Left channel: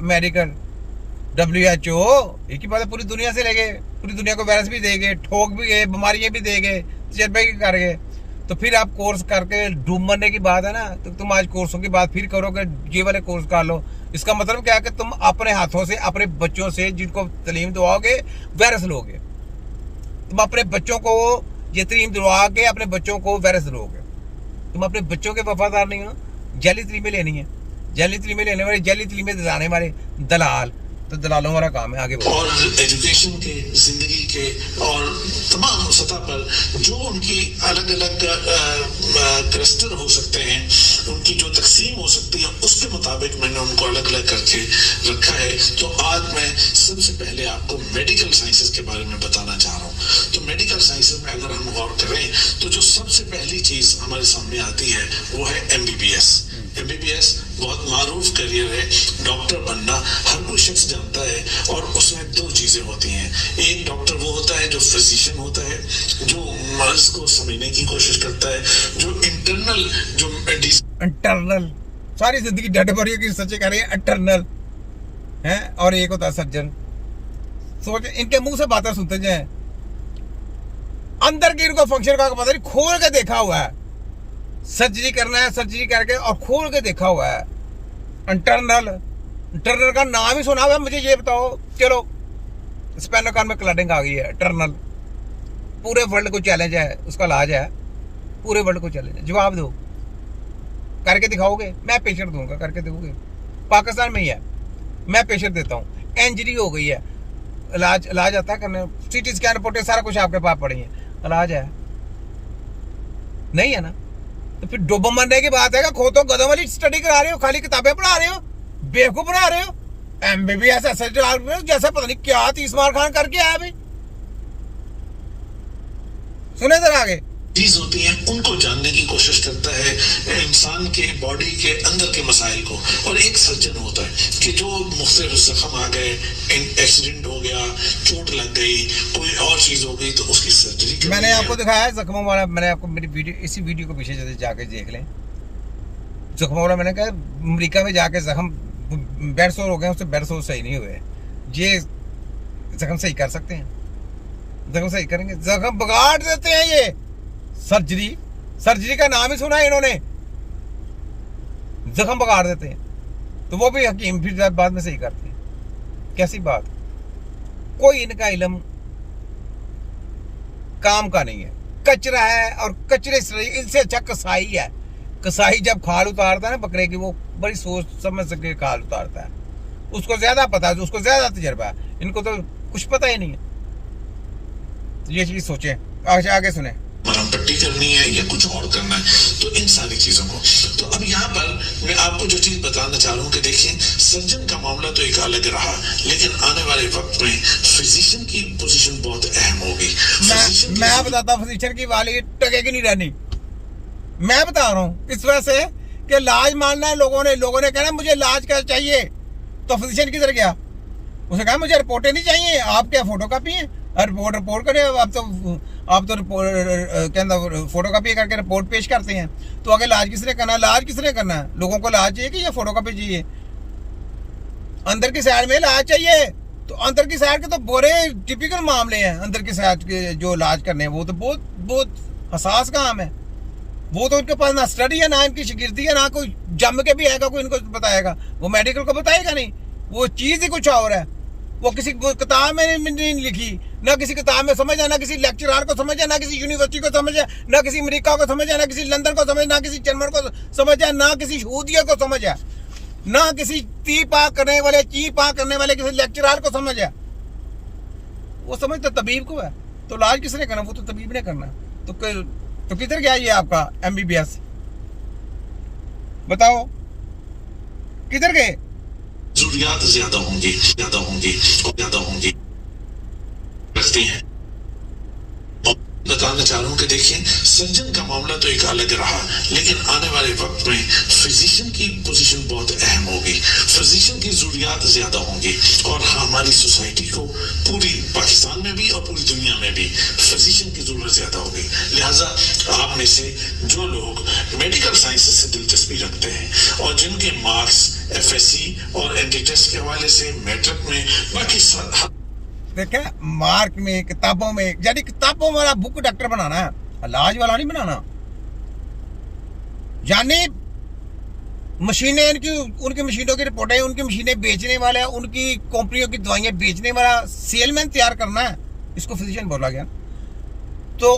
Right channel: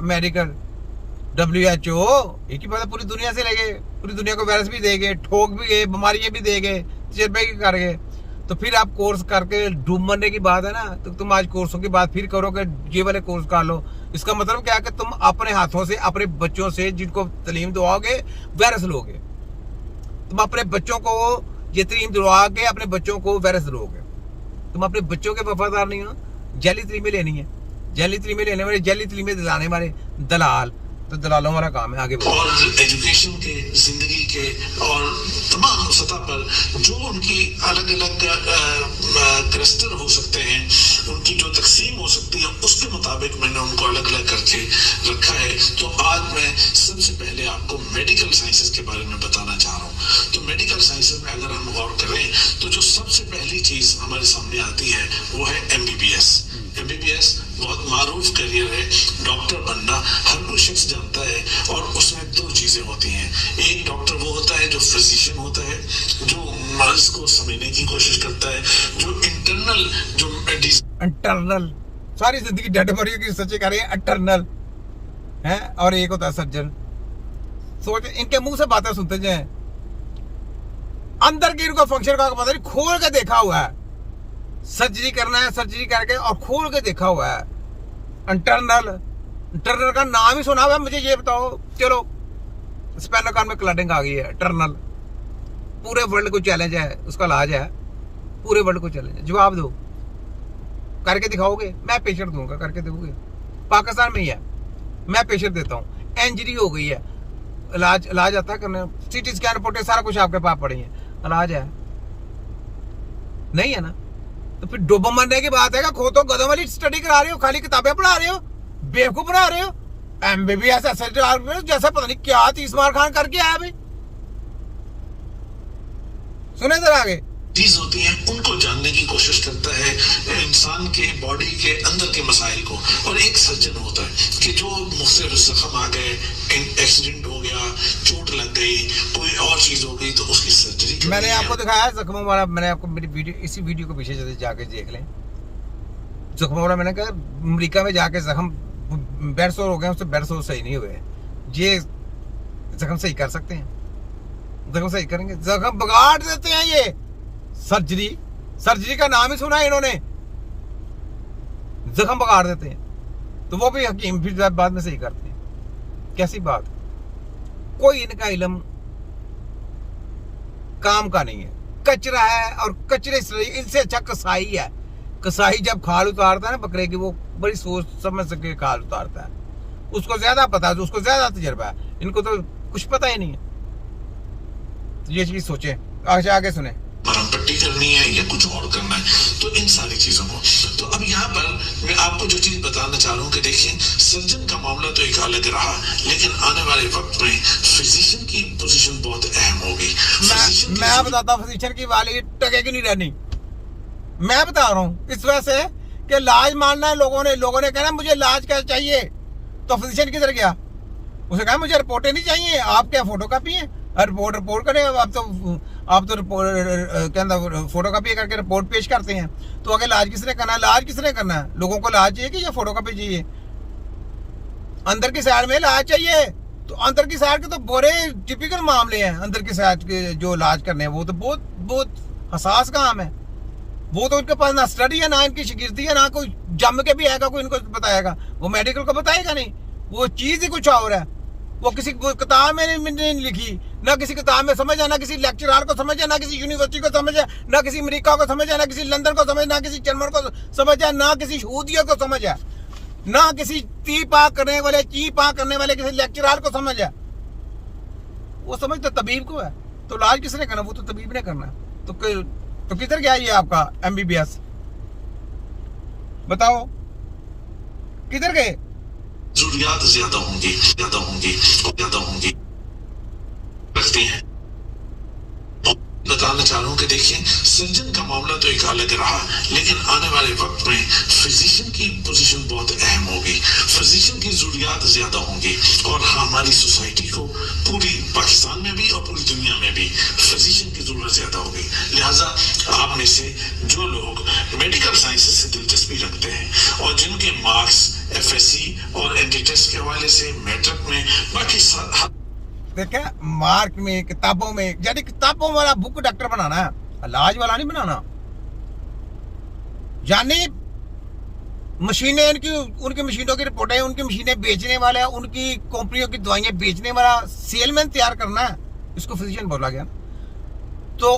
Medical WHO एक ही बात है, पूरी दुनिया से लेके पूरी दुनिया को वायरस भी देंगे, ठोक भी गए, बीमारियां भी देंगे, तजर्बे भी कर गए। तो फिर आप कोर्स करके डूब मरने की बात है ना, तो तुम आज कोर्सों की बात फिर करोगे, ये वाले कोर्स कर लो। इसका मतलब क्या है कि तुम अपने हाथों से अपने बच्चों से जिनको तालीम दिलाओगे वायरस लोगे। तुम अपने बच्चों को ये तालीम दिलवा के अपने बच्चों को वायरस लोगे। तुम अपने बच्चों के वफादार नहीं हो। जैली तालीमें लेनी है, जैली तालीमें लेने वाले, जैली तालीमें दिलाने वाले दलाल, तो दलालों वाला काम है। आगे और एजुकेशन के, जिंदगी के और तमाम सतह पर जो उनकी अलग अलग क्लस्टर हो सकते हैं, उनकी जो तकसीम हो सकती है, उसके मुताबिक मैंने उनको अलग अलग करके रखा है। तो आज मैं सबसे पहले आपको मेडिकल साइंसेस के बारे में बताना चाह रहा हूँ। तो मेडिकल साइंसेस में अगर हम गौर करें तो जो सबसे पहली चीज हमारे सामने आती है वो है MBBS। MBBS बहुत मारूफ करियर है, डॉक्टर बनना हर कोई शख्स जानता है। और उसमें दो चीजें होती हैं, एक डॉक्टर वो होता है जो फिजिशियन होता है, जो मर्ज को समझने की कोशिश करता है, जो इंटरनल जो इंटरनल सारी जिंदगी डट भरी की सच्चे कह रही है इंटरनल है, और एक होता है सर्जन। सोच इनके मुंह से बातें सुनते जाए, अंदर की इनको फंक्शन का पता नहीं, खोल के देखा हुआ है। सर्जरी करना है, सर्जरी करके और खोल के देखा हुआ है। इंटरनल, इंटरनल का नाम ही सुना हुआ है। मुझे ये बताओ, चलो स्पेनल कॉर्ड में क्लडिंग आ गई है, इंटरनल पूरे वर्ल्ड को चैलेंज है, उसका इलाज है, पूरे वर्ल्ड को चैलेंज है। जवाब दो, करके दिखाओगे? मैं पेशेंट दूंगा, करके दोगे? पाकिस्तान में ही है, मैं पेशेंट देता हूँ। इंजरी हो गई है, इलाज आता है करने, CT स्कैन रिपोर्टें सारा कुछ आपके पास पड़ी है, इलाज है नहीं है ना? तो फिर डूब मरने की बात है कि खो तो गधों वाली स्टडी करा रहे हो, खाली किताबें पढ़ा रहे हो, बेवकूफ बना रहे हो। MBBS जैसा पता नहीं क्या 30 मार खान करके आया भाई। सुने जरा आगे चीज होती है, उनको जानने की कोशिश करता है, इंसान के बॉडी के अंदर के मसाइल को। और एक सर्जन होता है कि जो मुख्तलिफ जख्म आ गए, एक्सीडेंट हो गया, चोट लग गई, कोई और चीज हो गई, तो उसकी सर्जरी। मैंने आपको दिखाया जख्मों वाला, मैंने आपको मेरी वीडियो, इसी वीडियो को पीछे जाके देख लें। जख्मों वाला मैंने कहा अमेरिका में जाके जख्म बेड सोर हो गए, उससे बेड सोर सही नहीं हुए, ये जख्म सही कर सकते हैं? जख्म सही करेंगे? जख्म बिगाड़ देते हैं ये। सर्जरी, सर्जरी का नाम ही सुना है इन्होंने, जख्म बिगाड़ देते हैं, तो वो भी हकीम फिर बाद में सही करते हैं। कैसी बात? कोई इनका इल्म काम का नहीं है, कचरा है। और कचरे से इनसे अच्छा कसाई है। कसाई जब खाल उतारता है ना बकरे की, वो बड़ी सोच समझ सके खाल उतारता है, उसको ज्यादा पता है, उसको ज्यादा तजर्बा है। इनको तो कुछ पता ही नहीं है। तो ये चीज सोचें, आगे सुने। मरहम पट्टी करनी है या कुछ और करना है, तो इन सारी चीजों को। तो अब यहाँ पर मैं आपको जो चीज बताना चाह रहा हूँ कि देखिए, सर्जन का मामला तो एक अलग रहा, लेकिन आने वाले वक्त में फिजिशियन की पोजीशन बहुत अहम होगी। मैं बताता हूँ, फिजिशियन की वाली टकेगी नहीं रहनी। मैं बता रहा हूँ इस वजह से कि इलाज मानना है लोगों ने कहना मुझे इलाज क्या चाहिए, तो फिजिशियन किधर गया? उसने कहा मुझे रिपोर्टें नहीं चाहिए, आप क्या फोटो कापी है? रिपोर्ट करें, आप तो फोटो कापी करके रिपोर्ट पेश करते हैं। तो अगर इलाज किसने करना है? इलाज किसने करना है? लोगों को इलाज चाहिए कि ये फोटो कापी चाहिए? अंदर की साइड में इलाज चाहिए। तो अंदर की साइड के तो बड़े टिपिकल मामले हैं, अंदर की साइड के जो इलाज करने हैं वो तो बहुत बहुत हसास काम है। वो तो उनके पास ना स्टडी है, ना इनकी शिगिर्दी है, ना कोई जम के भी आएगा कोई इनको बताएगा। वो मेडिकल को बताएगा नहीं, वो चीज ही कुछ और है। वो किसी किताब में नहीं लिखी, ना किसी किताब में समझ है, ना किसी लेक्चरर को समझ है, ना किसी यूनिवर्सिटी को समझ है, ना किसी अमेरिका को समझ है, ना किसी लंदन को समझ, ना किसी जर्मन को समझ है, ना किसी यहूदिया को समझ है, ना किसी ची पाक करने वाले किसी लेक्चरर को समझ है। वो समझ तो तबीब को है। तो इलाज किसने करना? वो तो तबीब ने करना। तो किधर गया ये आपका MBBS? बताओ किधर गए? जरूरियात ज्यादा होंगी रखती हैं। बताना चाह रहा हूँ कि देखिए, सर्जन का मामला तो एक अलग रहा, लेकिन आने वाले वक्त में फिजिशियन की पोजीशन बहुत अहम होगी। फिजिशियन की जरूरियात ज्यादा होंगी और हमारी सोसाइटी को, पूरी पाकिस्तान में भी और पूरी दुनिया में भी फिजिशियन की जरूरत ज्यादा होगी। लिहाजा आप में से जो लोग मेडिकल साइंसेस से दिलचस्पी रखते हैं और जिनके मार्क्स एफएससी और एंटी टेस्ट के हवाले से, मैट्रिक में, बाकी देखे मार्क में, किताबों में, यानी किताबों वाला बुक डॉक्टर बनाना है, इलाज वाला नहीं बनाना। यानी मशीनें उनकी मशीनों की रिपोर्टें, उनकी मशीनें बेचने वाला है, उनकी कंपनियों की दवाइयां बेचने वाला सेलमैन तैयार करना है, इसको फिजिशियन बोला गया। तो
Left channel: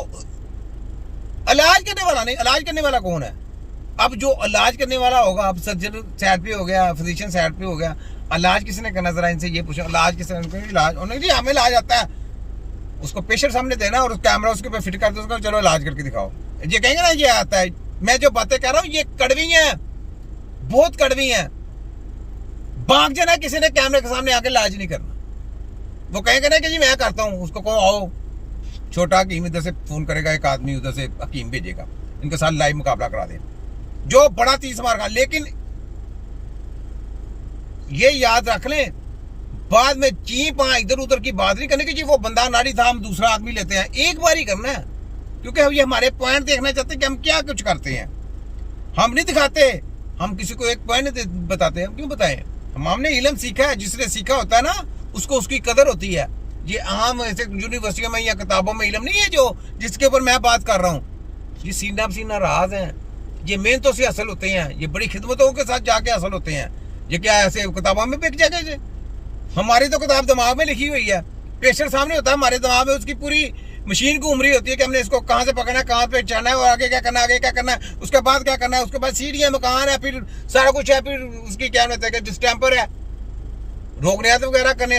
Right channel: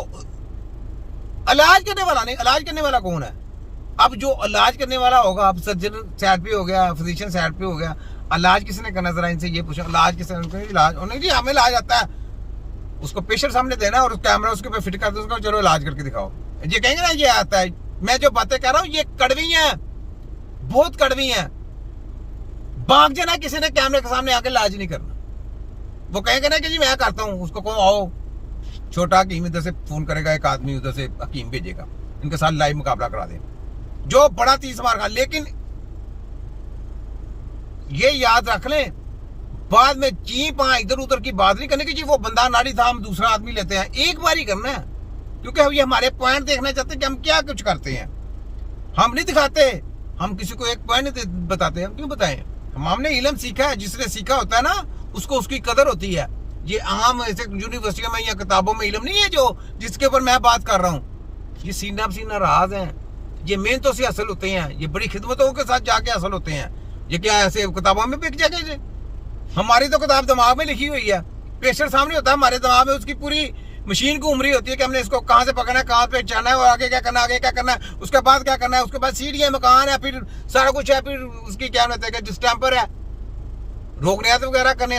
इलाज करने वाला नहीं, इलाज करने वाला कौन है? अब जो इलाज करने वाला होगा, अब सर्जन साइड पे हो गया, फिजिशियन साइड पे हो गया, इलाज किसने करना? जरा इनसे ये पूछो, इलाज किसने? इलाज नहीं जी, हमें इलाज आता है, उसको पेशेंट सामने देना और कैमरा उसके पे फिट कर दो, उसको चलो इलाज करके दिखाओ। ये कहेंगे ना ये आता है। मैं जो बातें कह रहा हूँ ये कड़वी हैं, बहुत कड़वी हैं। भाग जाना किसी ने कैमरे के सामने आके इलाज नहीं करना। वो कहेंगे ना कि जी मैं करता हूँ, उसको कहो आओ, छोटा हकीम इधर से फोन करेगा, एक आदमी उधर से हकीम भेजेगा, इनके साथ लाइव मुकाबला करा दे, जो बड़ा 30 मार का। लेकिन ये याद रख लें, बाद में चीपा इधर उधर की बात नहीं करने की, जी वो बंदा नारी था, हम दूसरा आदमी लेते हैं, एक बार ही करना है। क्योंकि ये हमारे पॉइंट देखना चाहते हैं कि हम क्या कुछ करते हैं, हम नहीं दिखाते। हम किसी को एक पॉइंट बताते हैं, हम क्यों बताएं? हमने इल्म सीखा है, जिसने सीखा होता है ना उसको उसकी कदर होती है। ये आम ऐसे यूनिवर्सिटियों में या किताबों में इल्म नहीं है जो जिसके ऊपर मैं बात कर रहा हूँ। ये सीना सीना राज हैं, ये मेहनतों से हासिल होते हैं, ये बड़ी खिदमतों के साथ जाके हासिल होते हैं। ये क्या ऐसे किताबों में बिक जाएगा? हमारी तो किताब दिमाग में लिखी हुई है, पेशेंट सामने होता है, हमारे दिमाग में उसकी पूरी मशीन घूम रही होती है कि हमने इसको कहाँ से पकड़ना है, कहाँ पे चढ़ना है, और आगे क्या करना है, आगे क्या करना है, उसके बाद क्या करना है, उसके बाद सीढ़ियाँ, मकान है, फिर सारा कुछ है, फिर उसकी क्या कहते हैं डिस्टेंपर है, रोग नियत वगैरह करने